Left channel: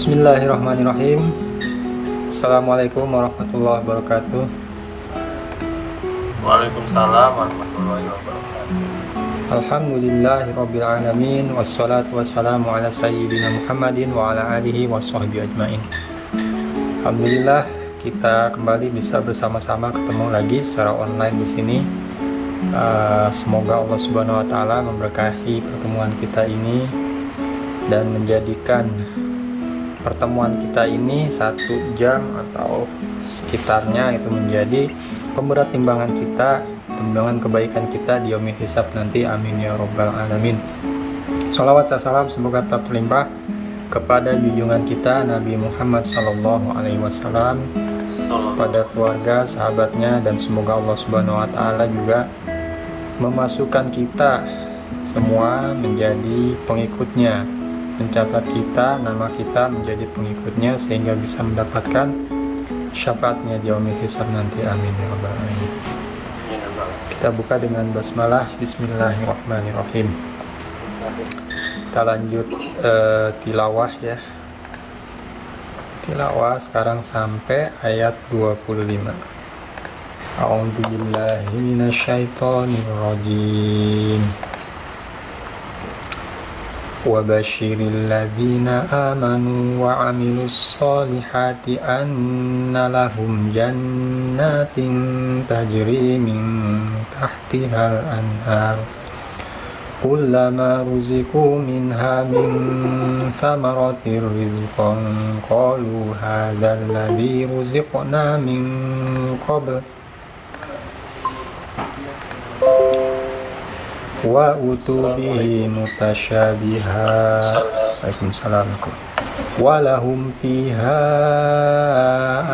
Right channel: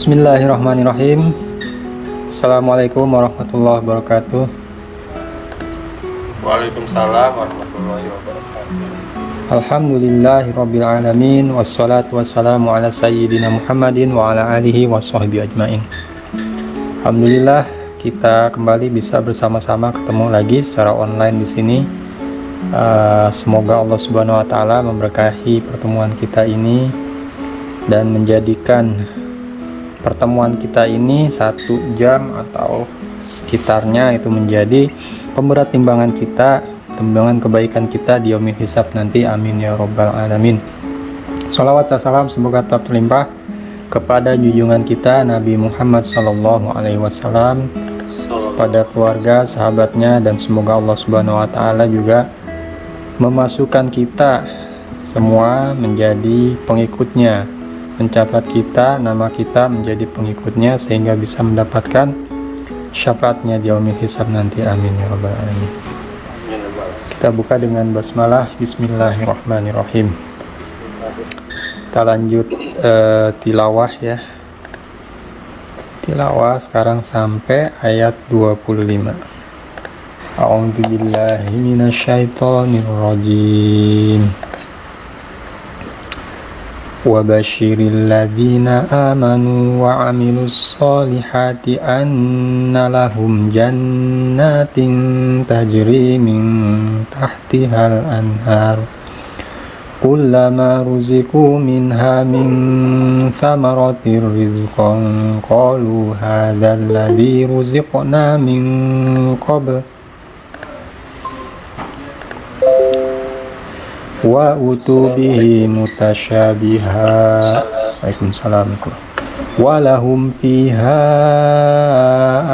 Bismillahirrahmanirrahim. Assalamualaikum warahmatullahi wabarakatuh. Waalaikumsalam warahmatullahi wabarakatuh. Alhamdulillahirabbil alamin wassalatu wassalamu ala sayyidina Muhammadin wa ala alihi washabbihi ajmain. Alhamdulillah kita kembali bisa bersama-sama ketemu lagi secara online di sini. Semoga Allah Subhanahu wa taala memberkahi pertemuan kita ini dan menjadikan pertemuan kita ini 1 jam atau sekitarnya itu menjadi pemberat timbangan kita, timbangan kebaikan kita di yaumil hisab nanti. Amin ya rabbal alamin. Shalawat dan salam semoga tetap terlimpah kepada junjungan kita Nabi Muhammad SAW, pada keluarga, sahabatnya, dan semoga Allah Subhanahu wa taala juga memasukkan kita semua menjadi pengikutnya, mencatat kita, nama kita menjadi pengikutnya sehingga bisa mendapatkan syafaatnya di yaumil hisab nanti. Amin ya rabbal alamin. Kita buka dengan basmalah. Bismillahirrahmanirrahim. Kita lanjut tilawah ya. Tilawah sekarang sampai ayat 25. A'udzubillahi minasyaitonirrajim. Wa basyiril ladzina amanu wa 'amilus solihati anna lahum jannatin tajri min tahtihal anhar kullama ruziqu minha min thamaratir rizqan qalu hadzal ladzi ruziqna min qabl wa utubihi mutasyabiha. Waalaikumsalam. Walahum fiha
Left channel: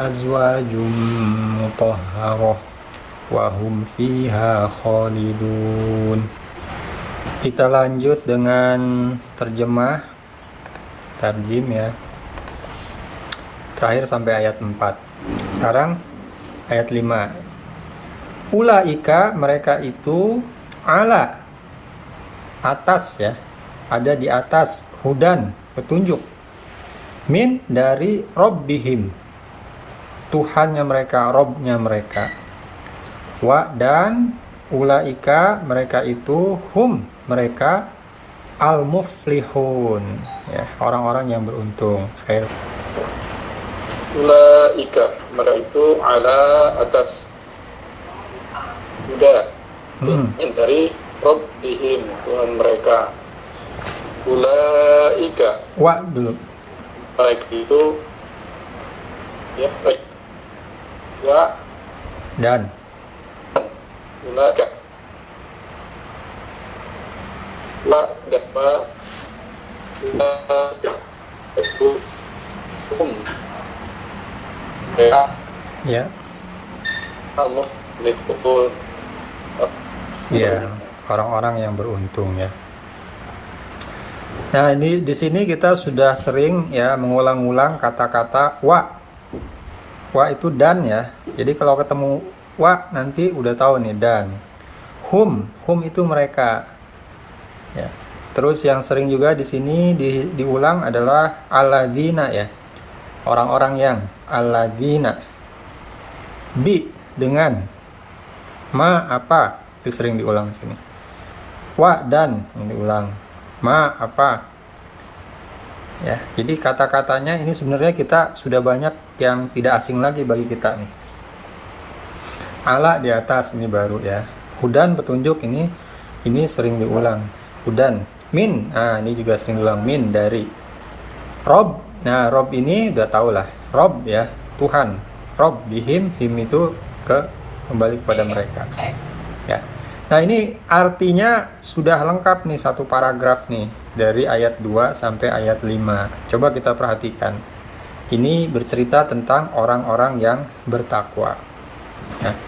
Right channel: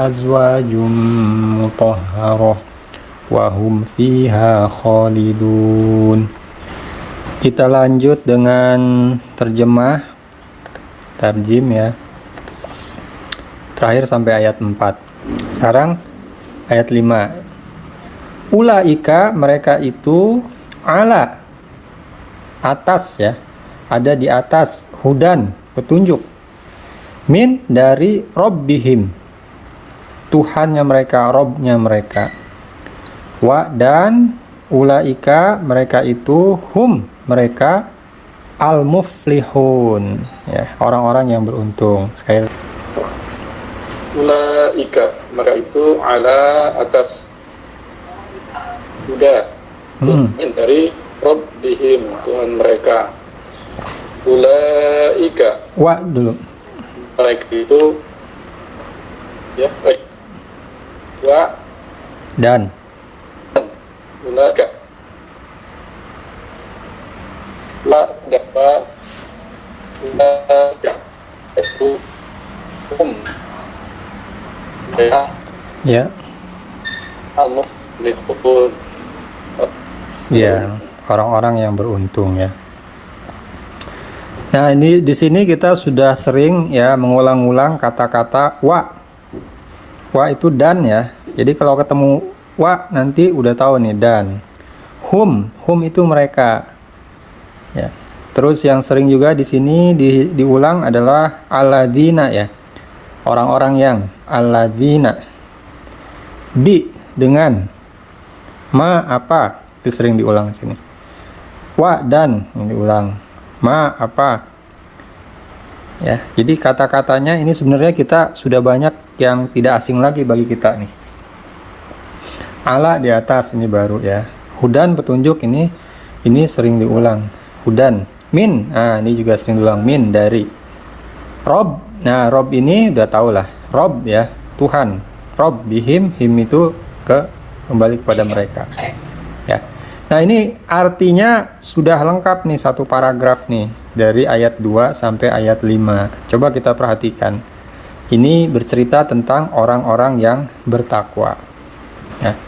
azwajum mutahharah wa hum fiha khalidun. Kita lanjut dengan terjemah tarjim ya, terakhir sampai ayat 4. Sekarang ayat 5. Ulaika, mereka itu, ala, atas ya, ada di atas, hudan, petunjuk, min, dari Rabbihim, Tuhannya mereka, Robnya mereka, wa, dan ulaika, mereka itu, hum, mereka, al-muflihun ya, orang-orang yang beruntung. Sekali Ulaika, mereka itu ala, atas, huda, min, dari Rabbihim, Tuhan mereka. Ulaika, wa dulu, mereka itu ya, baik. Wa, dan ulaika, la, dapat, ulaika itu ya, al-muflihun ya, orang-orang yang beruntung ya. Nah, ini di sini kita sudah sering ya mengulang-ulang kata-kata wa. Wa itu dan ya. Jadi kalau ketemu wa nanti udah tahu nih dan. Hum itu mereka. Ya. Terus yang sering juga di sini diulang adalah alladzina ya. Orang-orang yang, alladzina. Bi, dengan. Ma, apa? Itu sering diulang di sini. Wa, dan, yang diulang. Ma, apa? Ya, jadi kata-katanya ini sebenarnya kita sudah banyak yang tidak asing lagi bagi kita nih. Ala di atas, ini baru ya. Hudan, petunjuk, ini sering diulang. Hudan. Min, nah ini juga sering diulang. Min, dari. Rob, nah Rob ini udah tau lah. Rob ya, Tuhan. Rob, bihim, him itu kembali kepada mereka ya. Nah ini artinya sudah lengkap nih, satu paragraf nih dari ayat 2 sampai ayat 5. Coba kita perhatikan. Ini bercerita tentang orang-orang yang bertakwa ya.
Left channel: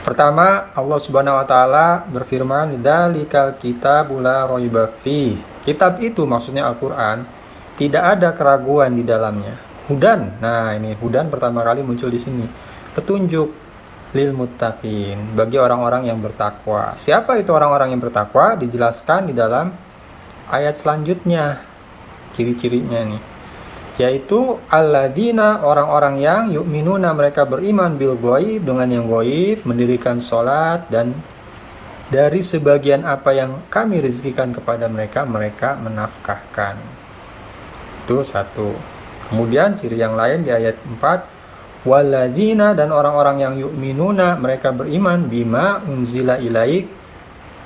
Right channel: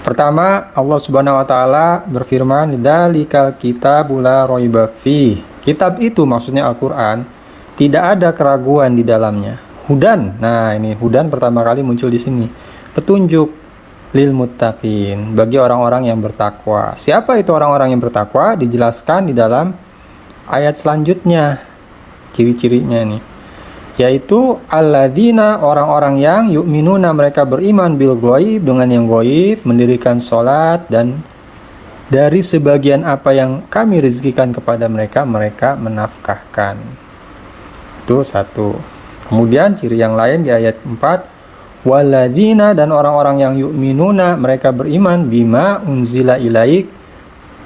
Pertama, Allah Subhanahu wa taala berfirman, "Dzalikal kitabul la raiba fi." Kitab itu maksudnya Al-Qur'an, tidak ada keraguan di dalamnya. Hudan. Nah, ini hudan pertama kali muncul di sini. Petunjuk lil muttaqin, bagi orang-orang yang bertakwa. Siapa itu orang-orang yang bertakwa? Dijelaskan di dalam ayat selanjutnya. Ciri-cirinya nih. yaitu alladzina, orang-orang yang yu'minuna, mereka beriman bil ghaib, dengan yang ghaib, mendirikan sholat, dan dari sebagian apa yang kami rezekikan kepada mereka, mereka menafkahkan. Itu satu. Kemudian ciri yang lain di ayat 4, walladzina, dan orang-orang yang yu'minuna, mereka beriman bima unzila ilaik,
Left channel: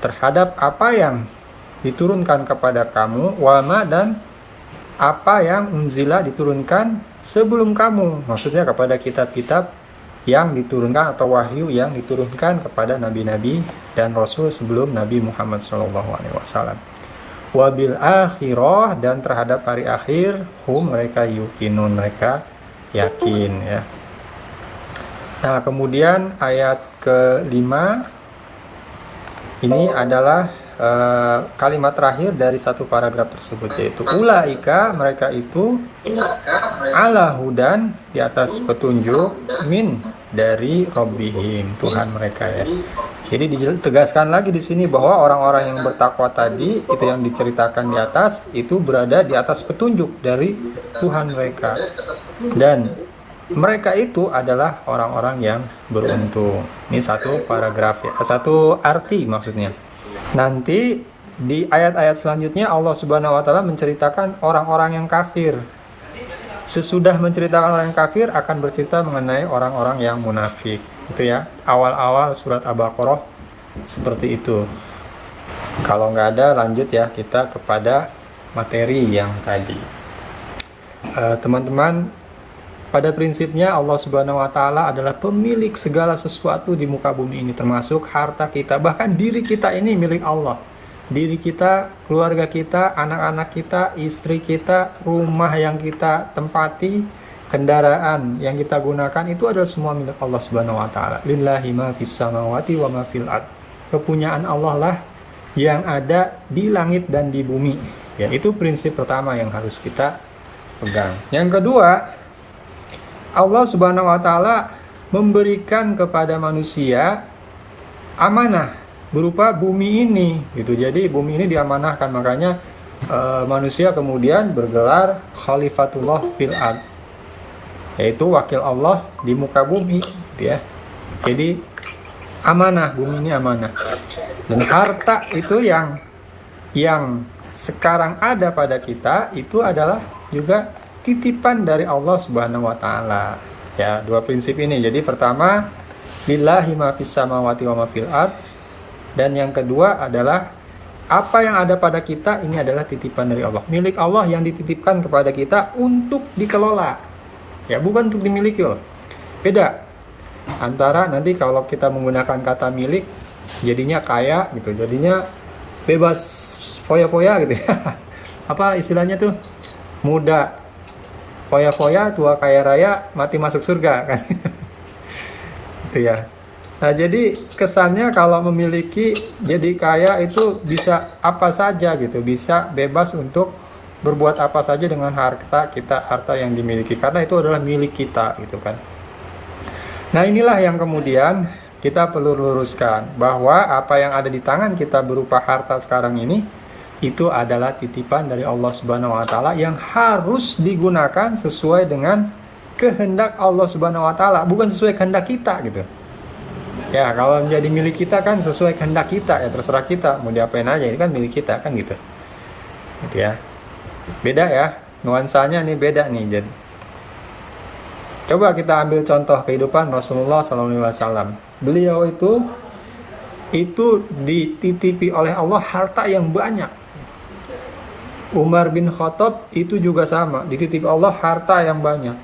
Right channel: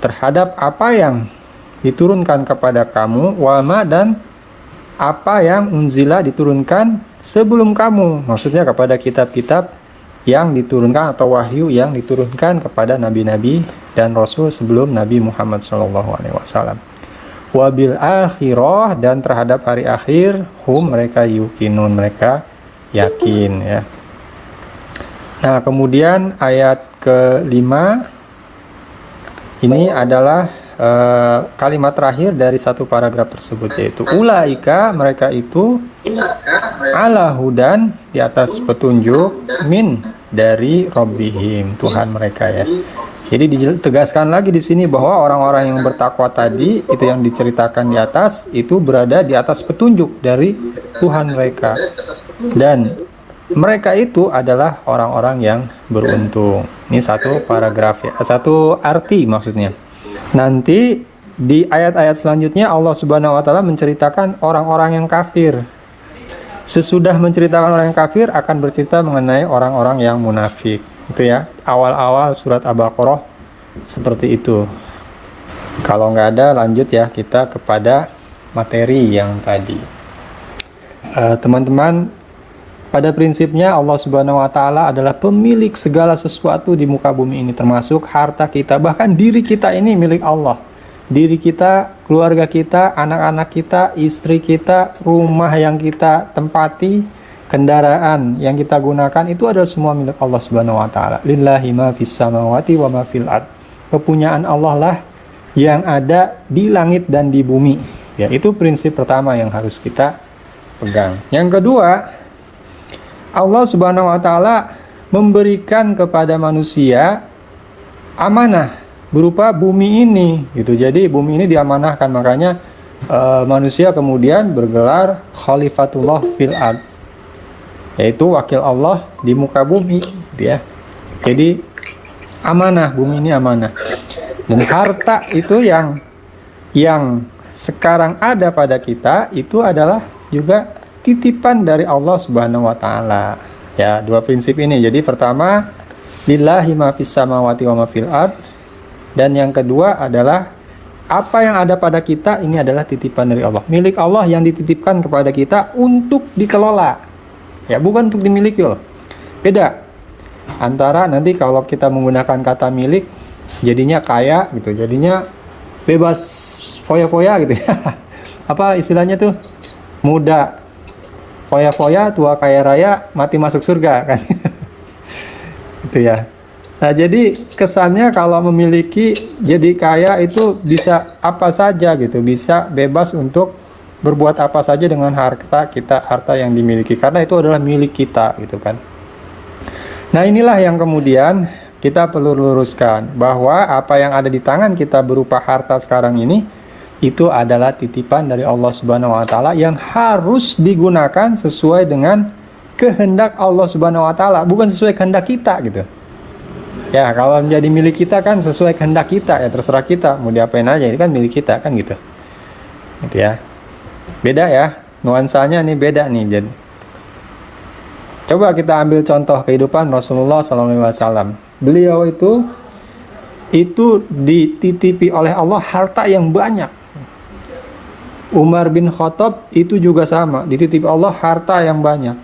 terhadap apa yang diturunkan kepada kamu, wama, dan apa yang unzila, diturunkan sebelum kamu, maksudnya kepada kitab-kitab yang diturunkan atau wahyu yang diturunkan kepada nabi-nabi dan rasul sebelum Nabi Muhammad SAW. Wabil akhirah, dan terhadap hari akhir, hum, mereka yukinun, mereka yakin, ya. Nah, kemudian ayat ke-5 ini adalah kalimat terakhir dari satu paragraf tersebut, yaitu ulaika, mereka itu ala hudan, di atas petunjuk, min, dari Rabbihim, Tuhan mereka, ya. Jadi ditegaskan lagi di sini bahwa orang-orang yang bertakwa tadi, itu yang diceritakan di atas, itu berada di atas petunjuk dari Tuhan mereka, dan mereka itu adalah orang-orang yang beruntung. Ini satu paragraf, ya, satu arti maksudnya. Nanti di ayat-ayat selanjutnya Allah Subhanahu wa taala menceritakan orang-orang yang kafir. Sesudah menceritakan orang yang kafir, akan bercerita mengenai orang-orang yang munafik. Itu ya, awal-awal surat Al-Baqarah seperti itu. Kalau nggak ada, lanjut ya kita kepada materi yang tadi. Teman-teman, pada prinsipnya Allah Subhanahu wa taala adalah pemilik segala sesuatu di muka bumi ini, termasuk harta kita, bahkan diri kita ini milik Allah. Diri kita, keluarga kita, anak-anak kita, istri kita, rumah yang kita tempati, kendaraan yang kita gunakan, itu adalah semua milik Allah Subhanahu wa taala. Lillahi ma fis samawati wa ma fil ard. Kepunyaan Allah lah yang ada di langit dan di bumi. Ya, itu prinsip pertama yang harus kita pegang. Yang kedua, Allah Subhanahu wa taala memberikan kepada manusia amanah berupa bumi ini, gitu. Jadi bumi ini diamanahkan, makanya manusia kemudian bergelar Khalifatullah fil ard, yaitu wakil Allah di muka bumi, gitu ya. Jadi amanah, bumi ini amanah. Dan harta itu yang sekarang ada pada kita, itu adalah juga titipan dari Allah Subhanahu wa taala. Ya, dua prinsip ini. Jadi pertama, lillahi ma fis samawati wa ma fil ard, dan yang kedua adalah apa yang ada pada kita ini adalah titipan dari Allah. Milik Allah yang dititipkan kepada kita untuk dikelola. Ya, bukan untuk dimiliki loh. Beda antara nanti kalau kita menggunakan kata milik jadinya kaya gitu, jadinya bebas foya-foya gitu ya. Apa istilahnya tuh? Muda foya-foya, tua kaya raya, mati masuk surga, kan. Itu ya. Nah, jadi kesannya kalau memiliki, jadi kaya itu bisa apa saja gitu, bisa bebas untuk berbuat apa saja dengan harta kita, harta yang dimiliki, karena itu adalah milik kita, gitu kan. Nah, inilah yang kemudian kita perlu luruskan, bahwa apa yang ada di tangan kita berupa harta sekarang ini, itu adalah titipan dari Allah Subhanahu wa taala yang harus digunakan sesuai dengan kehendak Allah Subhanahu wa taala, bukan sesuai kehendak kita, gitu. Ya, kalau menjadi milik kita kan sesuai kehendak kita, ya terserah kita mau diapain aja, ini kan milik kita kan, gitu. Gitu ya. Beda ya, nuansanya nih beda nih. Jadi coba kita ambil contoh kehidupan Rasulullah SAW. Beliau itu dititipi oleh Allah harta yang banyak. Umar bin Khattab itu juga sama, dititipi Allah harta yang banyak.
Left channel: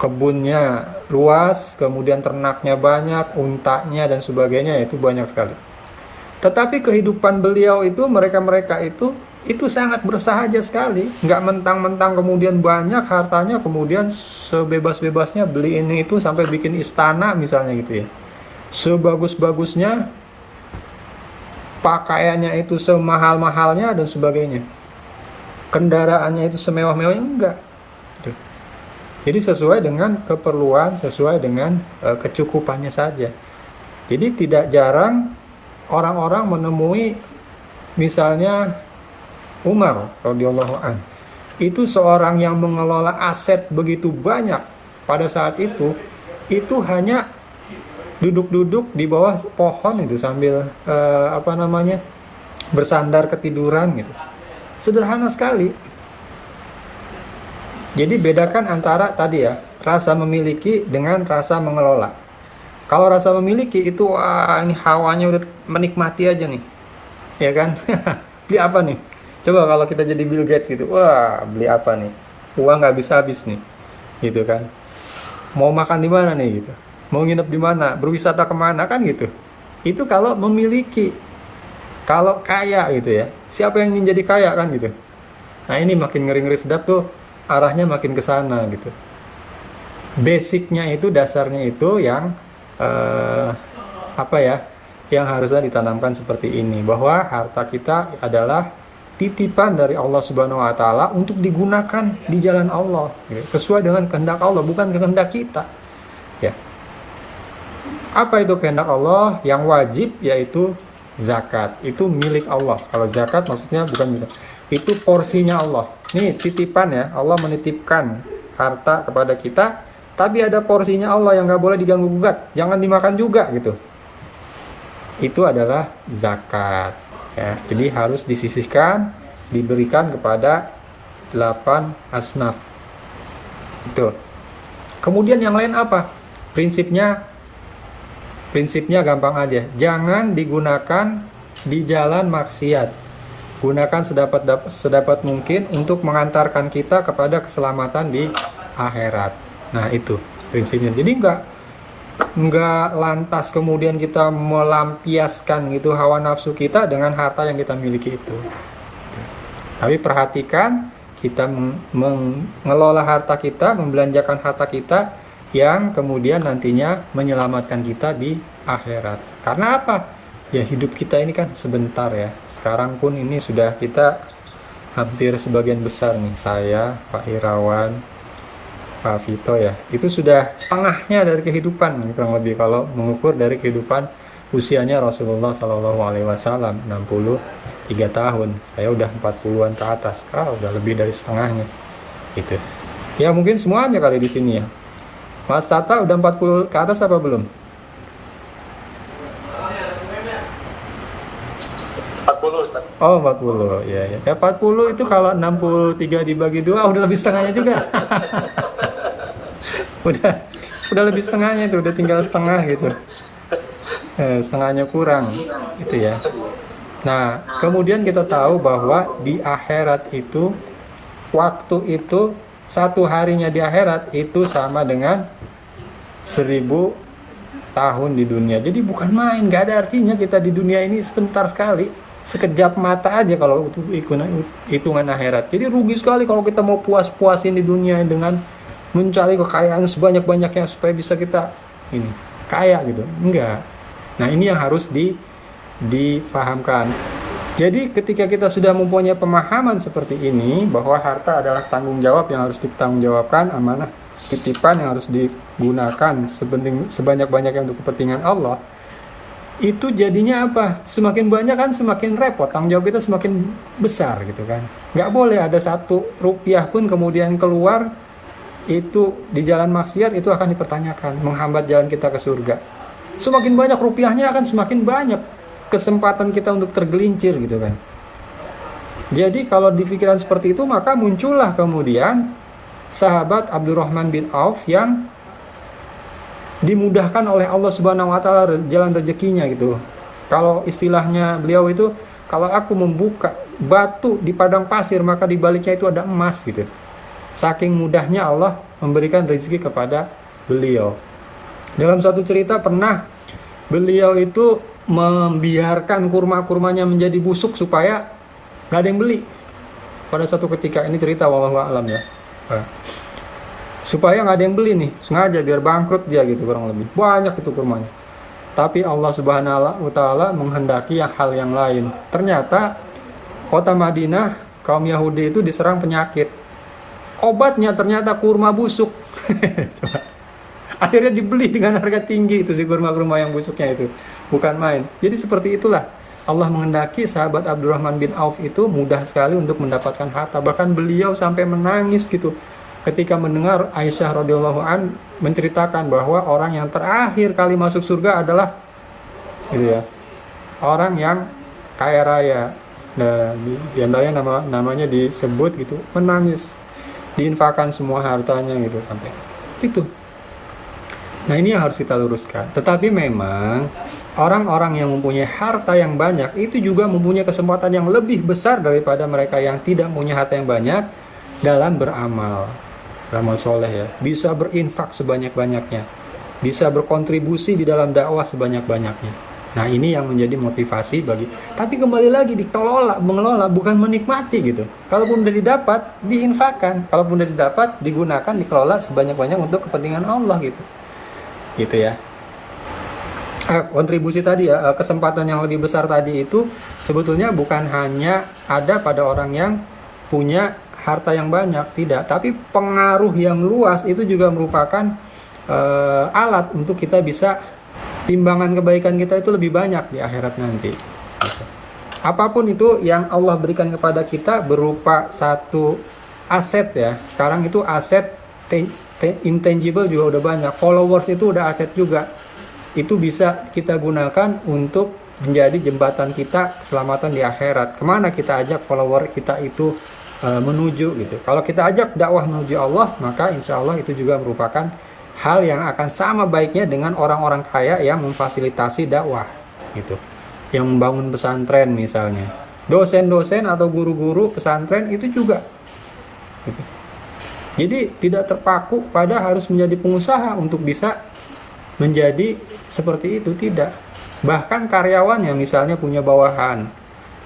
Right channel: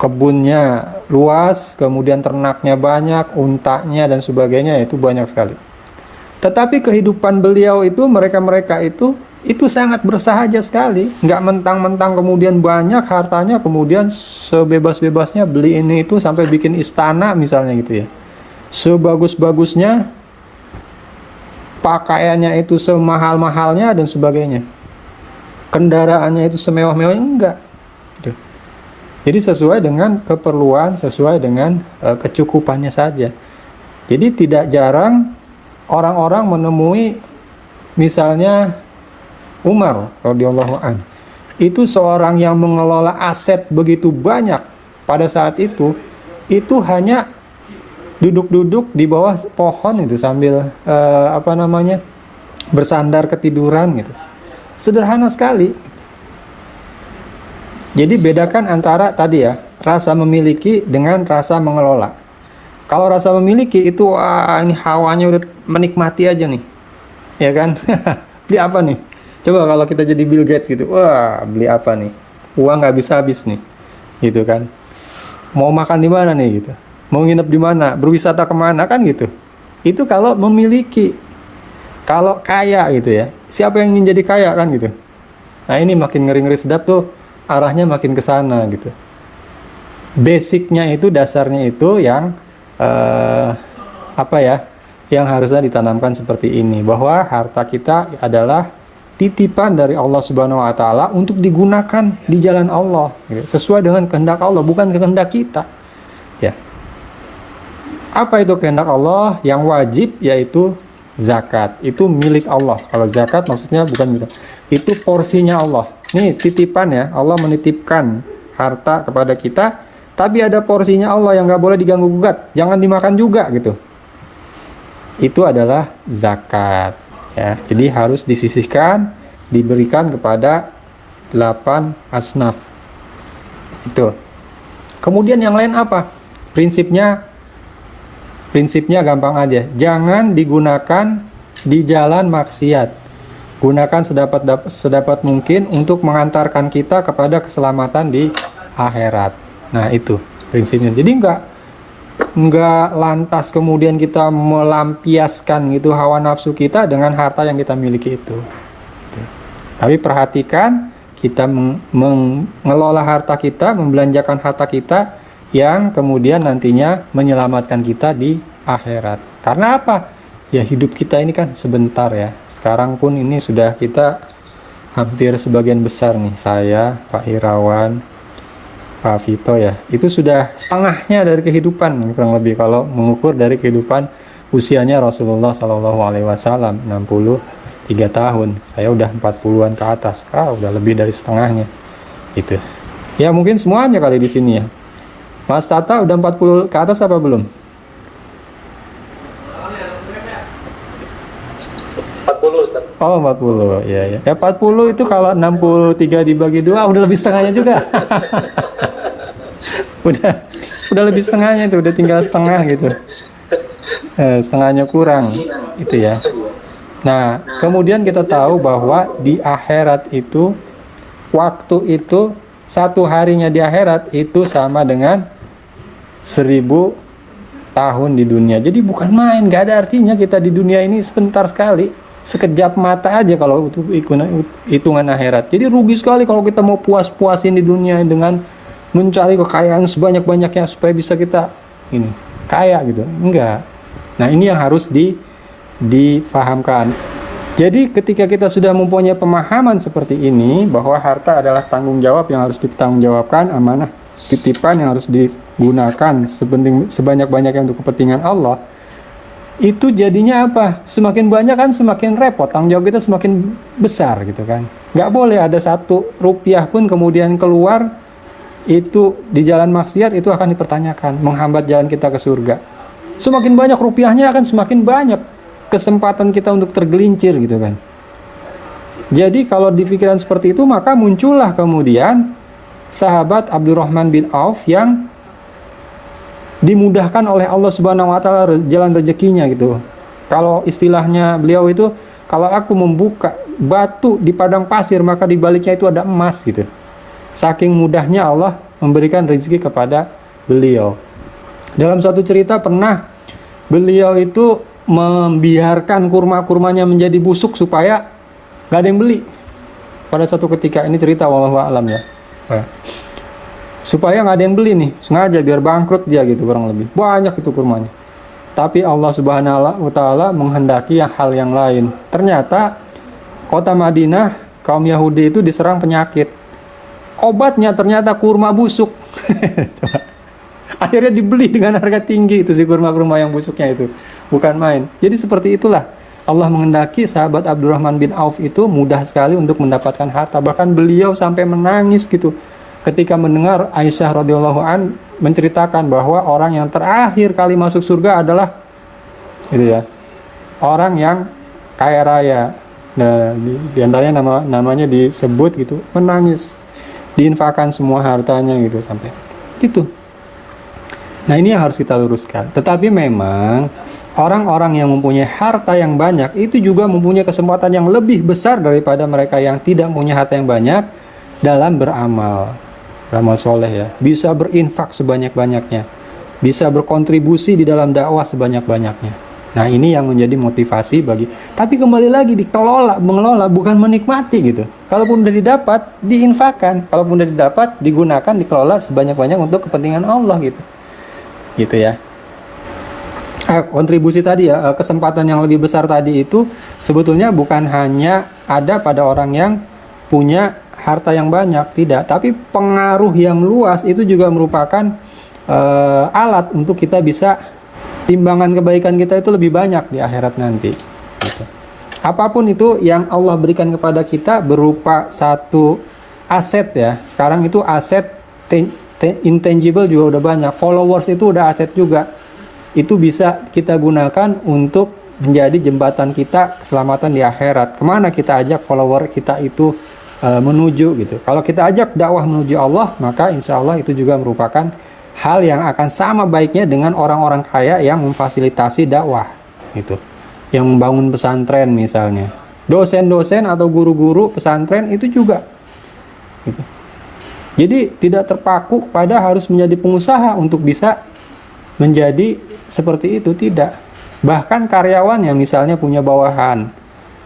Kebunnya luas, kemudian ternaknya banyak, untanya dan sebagainya, itu banyak sekali. Tetapi kehidupan beliau itu, mereka itu sangat bersahaja sekali. Nggak mentang-mentang kemudian banyak hartanya, kemudian sebebas-bebasnya beli ini itu sampai bikin istana misalnya gitu ya. Sebagus-bagusnya, pakaiannya itu semahal-mahalnya dan sebagainya. Kendaraannya itu semewah-mewahnya, enggak. Jadi sesuai dengan keperluan, sesuai dengan kecukupannya saja. Jadi tidak jarang orang-orang menemui misalnya Umar radhiyallahu anhu itu seorang yang mengelola aset begitu banyak pada saat itu hanya duduk-duduk di bawah pohon itu sambil bersandar ketiduran gitu. Sederhana sekali. Jadi bedakan antara tadi ya, rasa memiliki dengan rasa mengelola. Kalau rasa memiliki itu ini hawanya udah menikmati aja nih. Ya kan? Beli apa nih? Coba kalau kita jadi Bill Gates gitu, wah beli apa nih? Uang nggak habis nih, gitu kan? Mau makan di mana nih gitu? Mau nginep di mana? Berwisata kemana kan gitu? Itu kalau memiliki. Kalau kaya gitu ya, siapa yang ingin jadi kaya kan gitu? Nah ini makin ngeri-ngeri sedap tuh, arahnya makin ke sana gitu. Basicnya itu, dasarnya itu yang yang harusnya ditanamkan seperti ini, bahwa harta kita adalah titipan dari Allah Subhanahu wa taala untuk digunakan di jalan Allah gitu, sesuai dengan kehendak Allah, bukan kehendak kita. Ya. Apa itu kehendak Allah? Yang wajib yaitu zakat. Itu milik Allah. Kalau zakat maksudnya bukan gitu. Itu porsinya Allah. Nih titipan ya, Allah menitipkan harta kepada kita, tapi ada porsinya Allah yang nggak boleh diganggu gugat, jangan dimakan juga gitu. Itu adalah zakat. Ya, jadi harus disisihkan, diberikan kepada 8 asnaf. Itu. Kemudian yang lain apa? Prinsipnya gampang aja. Jangan digunakan di jalan maksiat. Gunakan sedapat mungkin untuk mengantarkan kita kepada keselamatan di akhirat. Nah, itu prinsipnya. Jadi enggak lantas kemudian kita melampiaskan gitu hawa nafsu kita dengan harta yang kita miliki itu. Tapi perhatikan, kita mengelola harta kita, membelanjakan harta kita yang kemudian nantinya menyelamatkan kita di akhirat. Karena apa? Ya hidup kita ini kan sebentar ya. Sekarang pun ini sudah kita hampir sebagian besar nih, saya, Pak Irawan, Pak Vito ya, itu sudah setengahnya dari kehidupan kurang lebih kalau mengukur dari kehidupan usianya Rasulullah SAW 63 tahun. Saya udah 40-an ke atas, udah lebih dari setengahnya gitu. Ya mungkin semuanya kali di sini ya. Mas Tata udah 40 ke atas apa belum? 40 Ustaz. Oh 40 ya. Ya 40 itu kalau 63 dibagi 2 udah lebih setengahnya juga. udah lebih setengahnya itu, udah tinggal setengah gitu. Setengahnya kurang itu ya. Nah kemudian kita tahu bahwa di akhirat itu, waktu itu, satu harinya di akhirat itu sama dengan 1000 tahun di dunia. Jadi bukan main, gak ada artinya kita di dunia ini sebentar sekali, sekejap mata aja kalau untuk hitungan akhirat. Jadi rugi sekali kalau kita mau puas-puasin di dunia dengan mencari kekayaan sebanyak-banyaknya supaya bisa kita ini kaya gitu. Enggak. Nah ini yang harus difahamkan. Jadi ketika kita sudah mempunyai pemahaman seperti ini, bahwa harta adalah tanggung jawab yang harus ditanggungjawabkan, amanah titipan yang harus digunakan sebanyak-banyaknya untuk kepentingan Allah, itu jadinya apa? Semakin banyak kan semakin repot, tanggung jawab kita semakin besar gitu kan. Nggak boleh ada 1 rupiah pun kemudian keluar itu di jalan maksiat, itu akan dipertanyakan, menghambat jalan kita ke surga. Semakin banyak rupiahnya akan semakin banyak kesempatan kita untuk tergelincir gitu kan. Jadi kalau di pikiran seperti itu, maka muncullah kemudian sahabat Abdurrahman bin Auf yang dimudahkan oleh Allah Subhanahu wa taala jalan rezekinya gitu. Kalau istilahnya beliau itu, kalau aku membuka batu di padang pasir, maka di baliknya itu ada emas gitu. Saking mudahnya Allah memberikan rezeki kepada beliau. Dalam satu cerita pernah beliau itu membiarkan kurma-kurmanya menjadi busuk supaya gak ada yang beli. Pada satu ketika, ini cerita wallahu a'lam ya. Supaya gak ada yang beli nih, sengaja biar bangkrut dia gitu kurang lebih. Banyak itu kurmanya. Tapi Allah Subhanahu wa taala menghendaki hal yang lain. Ternyata kota Madinah, kaum Yahudi itu diserang penyakit. Obatnya ternyata kurma busuk. Akhirnya dibeli dengan harga tinggi itu si kurma-kurma yang busuknya itu. Bukan main. Jadi seperti itulah Allah mengendaki sahabat Abdurrahman bin Auf itu mudah sekali untuk mendapatkan harta. Bahkan beliau sampai menangis gitu ketika mendengar Aisyah radhiyallahu an menceritakan bahwa orang yang terakhir kali masuk surga adalah gitu ya, orang yang kaya raya. Nah, di antaranya namanya disebut gitu, menangis, diinfakkan semua hartanya gitu sampai gitu. Nah, ini yang harus kita luruskan. Tetapi memang orang-orang yang mempunyai harta yang banyak itu juga mempunyai kesempatan yang lebih besar daripada mereka yang tidak punya harta yang banyak dalam beramal soleh ya. Bisa berinfak sebanyak-banyaknya, bisa berkontribusi di dalam dakwah sebanyak-banyaknya. Nah, ini yang menjadi motivasi bagi. Tapi kembali lagi mengelola bukan menikmati gitu. Kalaupun udah didapat, diinfakkan. Kalaupun udah didapat, digunakan, dikelola sebanyak-banyak untuk kepentingan Allah gitu. Gitu ya. Kontribusi tadi ya, kesempatan yang lebih besar tadi itu sebetulnya bukan hanya ada pada orang yang punya harta yang banyak, tidak, tapi pengaruh yang luas itu juga merupakan alat untuk kita bisa timbangan kebaikan kita itu lebih banyak di akhirat nanti gitu. Apapun itu yang Allah berikan kepada kita berupa satu aset ya, sekarang itu aset intangible juga udah banyak, followers itu udah aset juga. Itu bisa kita gunakan untuk menjadi jembatan kita keselamatan di akhirat. Kemana kita ajak follower kita itu menuju gitu. Kalau kita ajak dakwah menuju Allah, maka insya Allah itu juga merupakan hal yang akan sama baiknya dengan orang-orang kaya yang memfasilitasi dakwah gitu. Yang membangun pesantren misalnya. Dosen-dosen atau guru-guru pesantren itu juga gitu. Jadi tidak terpaku pada harus menjadi pengusaha untuk bisa menjadi seperti itu, tidak. Bahkan karyawan yang misalnya punya bawahan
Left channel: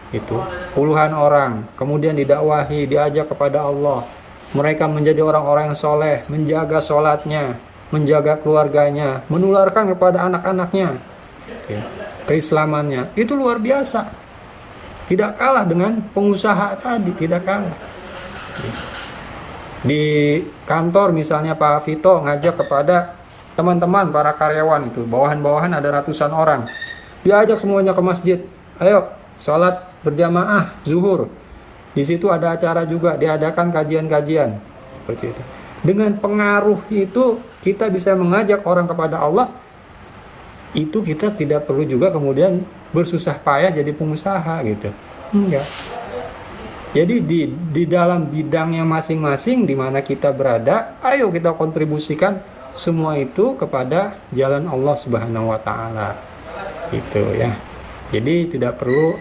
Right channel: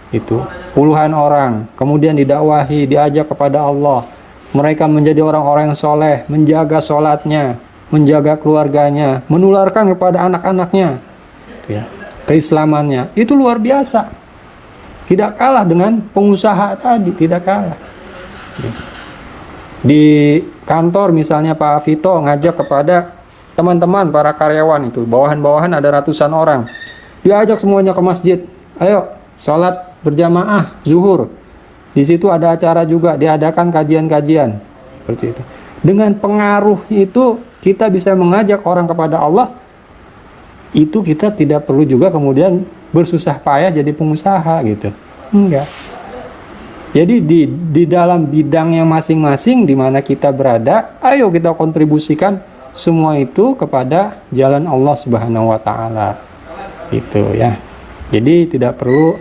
itu puluhan orang, kemudian didakwahi, diajak kepada Allah, mereka menjadi orang-orang yang soleh, menjaga sholatnya, menjaga keluarganya, menularkan kepada anak-anaknya ya, keislamannya, itu luar biasa. Tidak kalah dengan pengusaha tadi, tidak kalah. Di kantor misalnya Pak Vito ngajak kepada teman-teman para karyawan itu, bawahan-bawahan ada ratusan orang, dia ajak semuanya ke masjid, ayo sholat berjamaah zuhur. Di situ ada acara juga, diadakan kajian-kajian seperti itu. Dengan pengaruh itu kita bisa mengajak orang kepada Allah. Itu kita tidak perlu juga kemudian bersusah payah jadi pengusaha gitu, enggak. Jadi di dalam bidangnya masing-masing di mana kita berada, ayo kita kontribusikan semua itu kepada jalan Allah Subhanahu wa taala. Itu ya. Jadi tidak perlu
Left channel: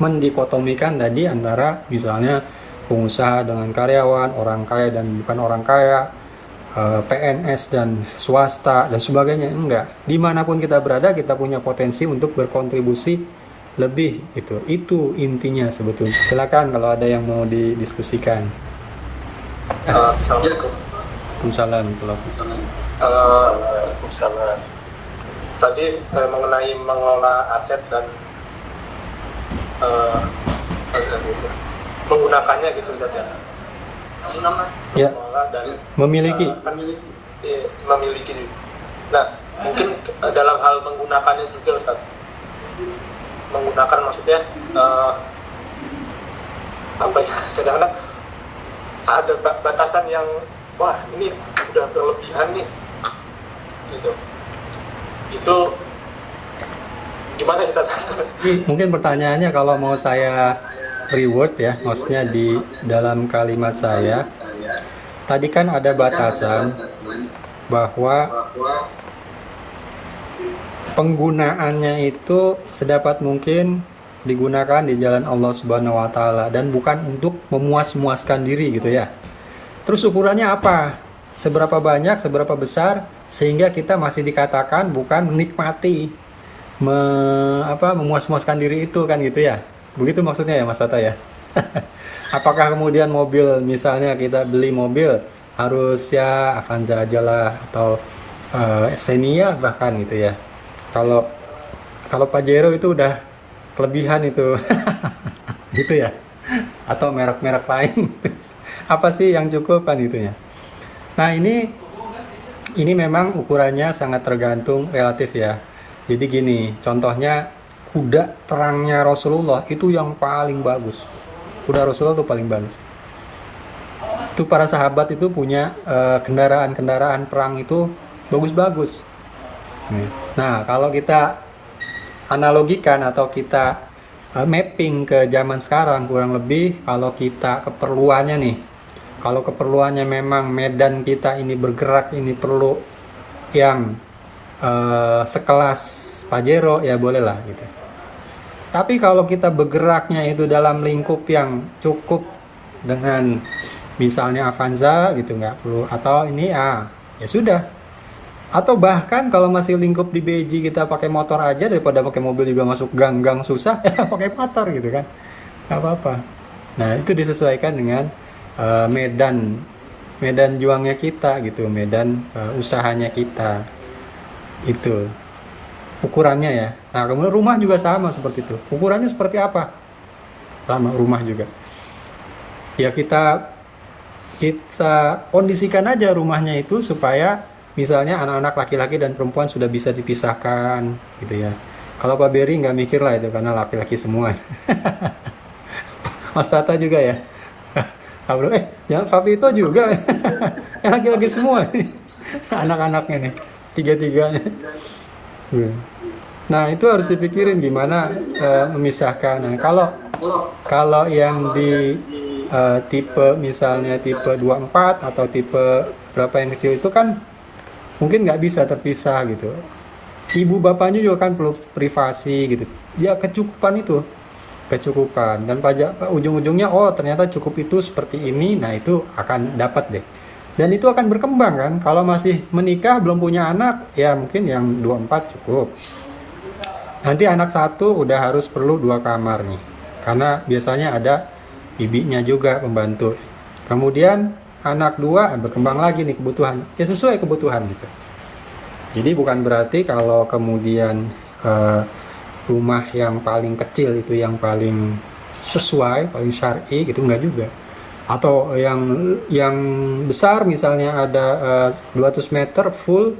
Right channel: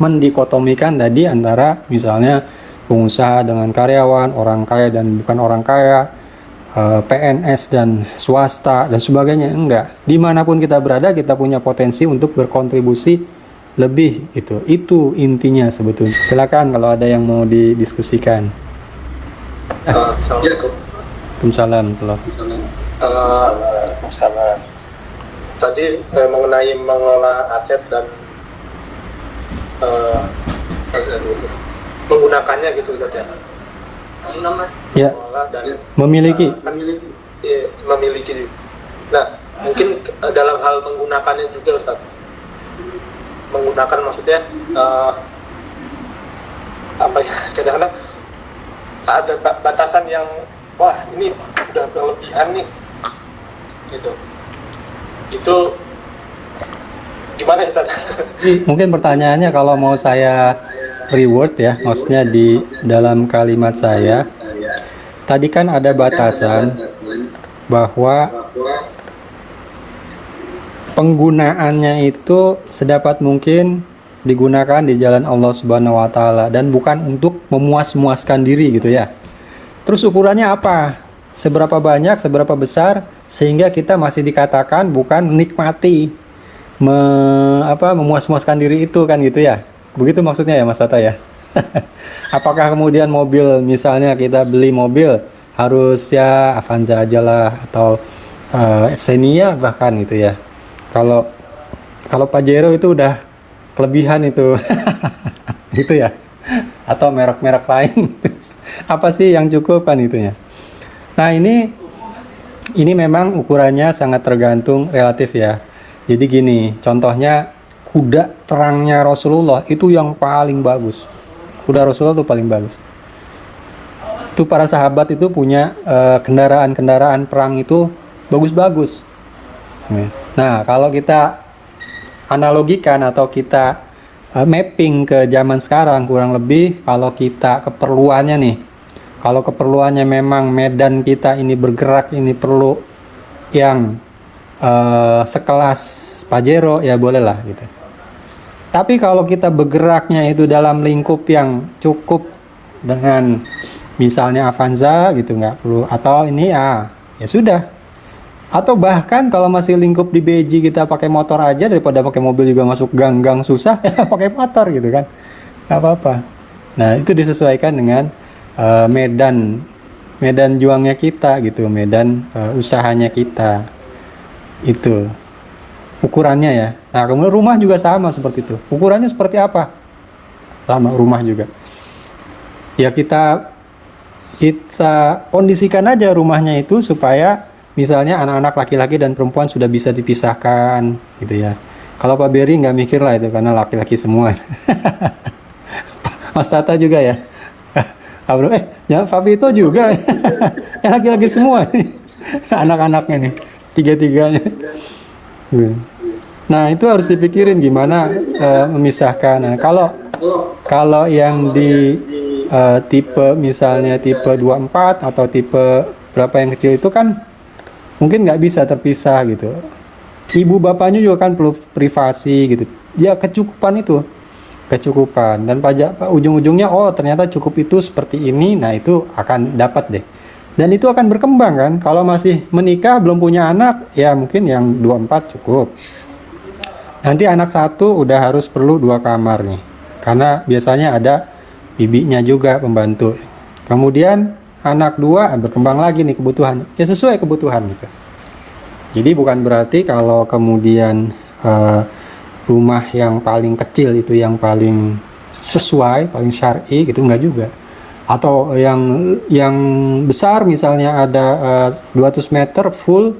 mendikotomikan tadi antara misalnya pengusaha dengan karyawan, orang kaya dan bukan orang kaya, PNS dan swasta dan sebagainya. Enggak. Dimanapun kita berada kita punya potensi untuk berkontribusi lebih gitu. Itu intinya sebetulnya. Silakan kalau ada yang mau didiskusikan. Assalamualaikum. Waalaikumsalam. Tadi mengenai mengelola aset dan menggunakannya gitu Ustaz ya. Ya. Mengelola dan Memiliki. Memiliki. Nah, mungkin dalam hal menggunakannya juga Ustaz. Menggunakan maksudnya apa ya? Kadang-kadang ada batasan yang wah ini udah berlebihan nih gitu. Itu gimana Ustaz? Mungkin pertanyaannya kalau mau saya reward ya, maksudnya di dalam kalimat saya tadi kan ada batasan bahwa penggunaannya itu sedapat mungkin digunakan di jalan Allah Subhanahu wa taala dan bukan untuk memuas-muaskan diri gitu ya. Terus ukurannya apa? Seberapa banyak, seberapa besar sehingga kita masih dikatakan bukan menikmati memuas-muaskan diri itu kan gitu ya. Begitu maksudnya ya Mas Tata ya. Apakah kemudian mobil misalnya kita beli mobil harus ya Avanza aja lah atau Xenia bahkan gitu ya. Kalau Pajero itu udah kelebihan itu. Gitu ya. Atau merek-merek lain. Apa sih yang cukup kan itunya. Nah, ini memang ukurannya sangat tergantung relatif ya. Jadi gini, contohnya kuda perangnya Rasulullah itu yang paling bagus. Kuda Rasulullah itu paling bagus. Itu para sahabat itu punya kendaraan-kendaraan perang itu bagus-bagus. Nah, kalau kita analogikan atau kita mapping ke zaman sekarang, kurang lebih kalau kita keperluannya nih, kalau keperluannya memang medan kita ini bergerak, ini perlu yang sekelas Pajero, ya bolehlah gitu. Tapi kalau kita bergeraknya itu dalam lingkup yang cukup dengan misalnya Avanza gitu, nggak perlu, atau ini ya sudah. Atau bahkan kalau masih lingkup di Beji kita pakai motor aja, daripada pakai mobil juga masuk gang-gang susah, ya pakai motor gitu kan, nggak apa-apa. Nah itu disesuaikan dengan medan juangnya kita gitu, medan usahanya kita, itu ukurannya ya. Nah kemudian rumah juga sama seperti itu, ukurannya seperti apa, sama rumah juga ya, kita kondisikan aja rumahnya itu supaya misalnya anak-anak laki-laki dan perempuan sudah bisa dipisahkan gitu ya. Kalau Pak Beri nggak mikir lah itu, karena laki-laki semua. Mas Tata juga ya. Jangan Fabi itu juga. Yang laki-laki semua nih. Anak-anaknya nih, tiga-tiganya. Nah itu harus dipikirin gimana memisahkan. Nah, kalau yang di tipe misalnya tipe 24 atau tipe berapa yang kecil itu kan mungkin nggak bisa terpisah gitu. Ibu bapaknya juga kan perlu privasi gitu. Ya kecukupan itu, kecukupan, dan ujung-ujungnya oh ternyata cukup itu seperti ini. Nah itu akan dapat deh. Dan itu akan berkembang kan. Kalau masih menikah belum punya anak, ya mungkin yang 24 cukup. Nanti anak satu udah harus perlu 2 kamar nih, karena biasanya ada bibinya juga pembantu. Kemudian anak 2 berkembang lagi nih kebutuhan, ya sesuai kebutuhan gitu. Jadi bukan berarti kalau kemudian rumah yang paling kecil itu yang paling sesuai, paling syar'i gitu, enggak juga. Atau yang besar misalnya ada 200 meter full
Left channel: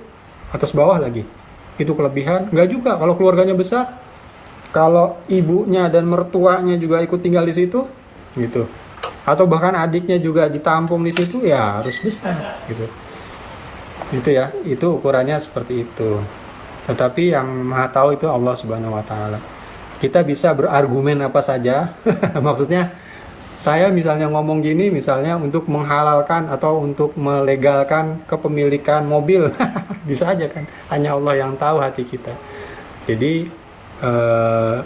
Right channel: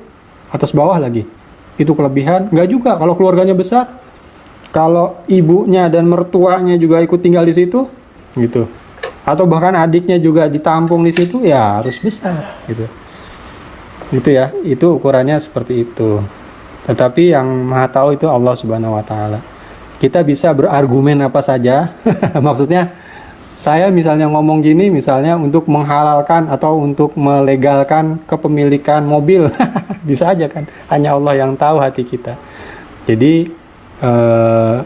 atas bawah lagi, itu kelebihan, enggak juga. Kalau keluarganya besar, kalau ibunya dan mertuanya juga ikut tinggal di situ gitu, atau bahkan adiknya juga ditampung di situ, ya harus besar gitu. Itu ya, itu ukurannya seperti itu. Tetapi yang Maha Tahu itu Allah Subhanahu wa taala. Kita bisa berargumen apa saja. Maksudnya saya misalnya ngomong gini misalnya untuk menghalalkan atau untuk melegalkan kepemilikan mobil. Bisa aja kan, hanya Allah yang tahu hati kita. Jadi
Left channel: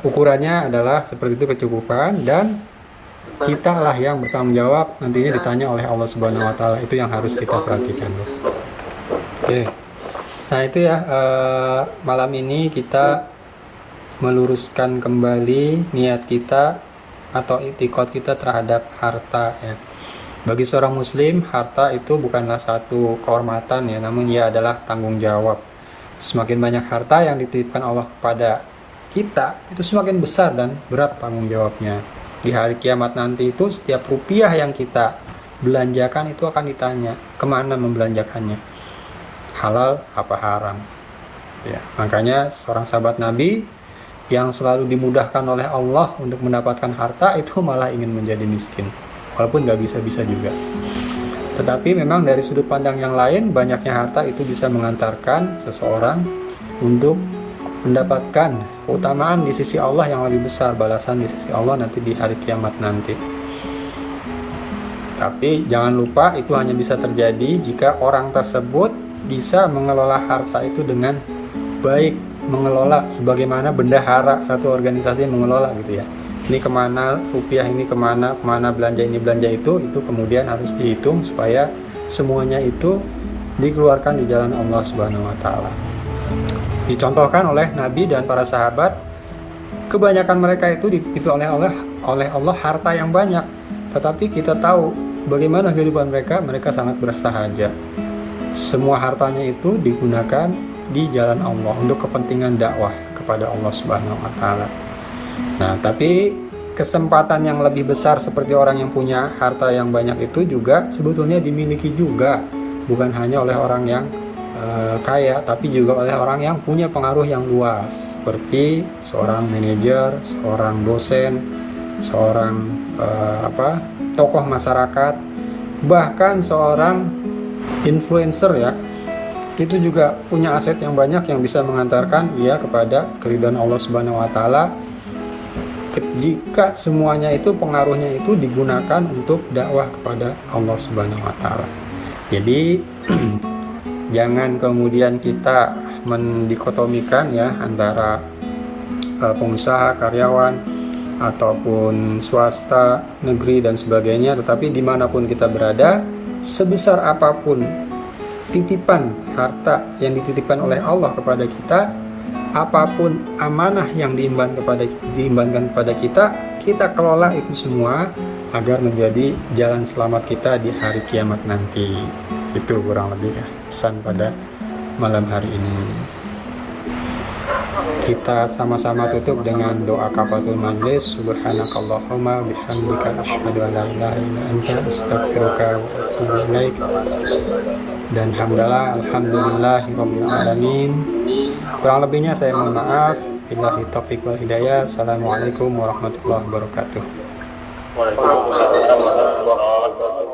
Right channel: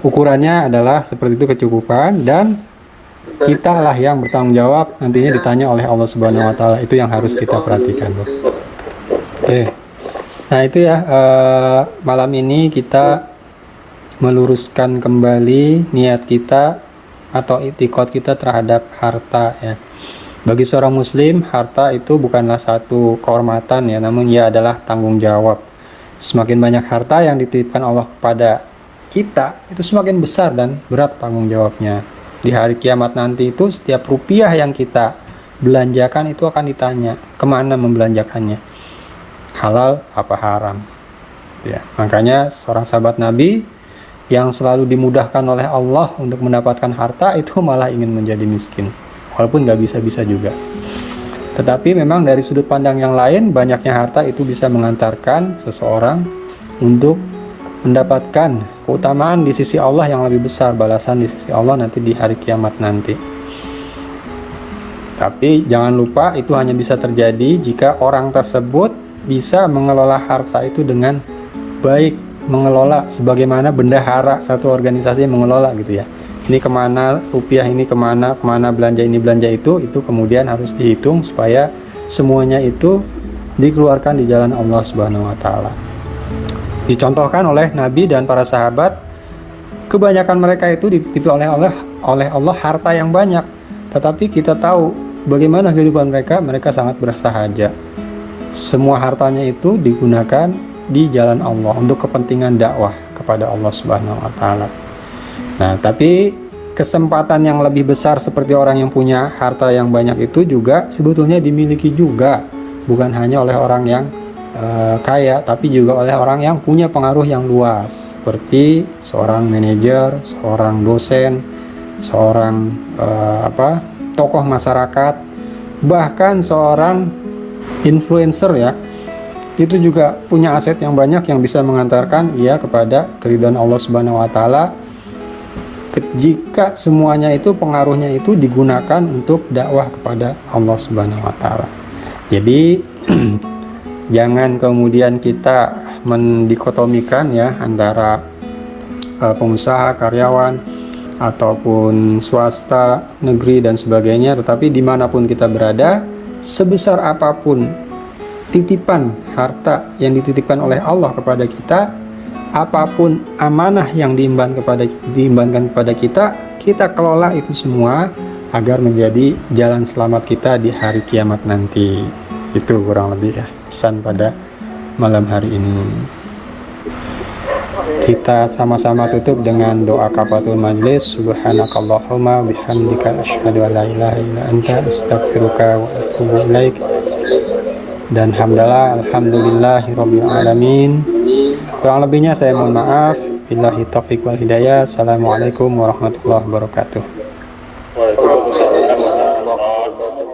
ukurannya adalah seperti itu, kecukupan, dan kita lah yang bertanggung jawab nantinya ditanya oleh Allah Subhanahu wa taala. Itu yang harus kita perhatikan. Oke. Nah itu ya, malam ini kita meluruskan kembali niat kita atau itikad kita terhadap harta ya. Bagi seorang muslim, harta itu bukanlah satu kehormatan ya, namun ia adalah tanggung jawab. Semakin banyak harta yang dititipkan Allah kepada kita, itu semakin besar dan berat tanggung jawabnya. Di hari kiamat nanti itu setiap rupiah yang kita belanjakan itu akan ditanya kemana membelanjakannya, halal apa haram ya. Makanya seorang sahabat Nabi yang selalu dimudahkan oleh Allah untuk mendapatkan harta itu malah ingin menjadi miskin, walaupun nggak bisa-bisa juga. Tetapi memang dari sudut pandang yang lain, banyaknya harta itu bisa mengantarkan seseorang untuk mendapatkan keutamaan di sisi Allah yang lebih besar, balasan di sisi Allah nanti di hari kiamat nanti. Tapi jangan lupa itu hanya bisa terjadi jika orang tersebut bisa mengelola harta itu dengan baik, mengelola sebagaimana bendahara satu organisasi mengelola gitu ya. Ini kemana rupiah, ini kemana belanja ini belanja itu kemudian harus dihitung supaya semuanya itu dikeluarkan di jalan Allah Subhanahu wa taala. Dicontohkan oleh Nabi dan para sahabat, kebanyakan mereka itu dititipi oleh Allah harta yang banyak, tetapi kita tahu bagaimana kehidupan mereka sangat bersahaja. Semua hartanya itu digunakan di jalan Allah untuk kepentingan dakwah kepada Allah Subhanahu wa taala. Nah, tapi kesempatan yang lebih besar seperti orang yang punya harta yang banyak itu juga sebetulnya dimiliki juga, bukan hanya oleh orang yang kaya, tapi juga oleh orang yang punya pengaruh yang luas, seperti seorang manajer, seorang dosen, seorang tokoh masyarakat, bahkan seorang influencer ya. Itu juga punya aset yang banyak yang bisa mengantarkan ia kepada keridhaan Allah Subhanahu wa taala jika semuanya itu pengaruhnya itu digunakan untuk dakwah kepada Allah Subhanahu wa taala. Jadi jangan kemudian kita mendikotomikan ya antara pengusaha, karyawan ataupun swasta, negeri dan sebagainya, tetapi dimanapun kita berada, sebesar apapun titipan harta yang dititipkan oleh Allah kepada kita, apapun amanah yang diembankan kepada kita, kita kelola itu semua agar menjadi jalan selamat kita di hari kiamat nanti. Itu kurang lebih ya pesan pada malam hari ini. Kita sama-sama tutup dengan doa kafatul majlis. Subhanakallahumma bihamdika asyhadu an la ilaha illa anta astaghfiruka wa atubu ilaik. Dan alhamdulillahirabbil alamin. Kurang lebihnya saya mohon maaf. Billahi taufiq wal hidayah. Assalamualaikum warahmatullahi wabarakatuh. Waalaikumsalam warahmatullahi wabarakatuh.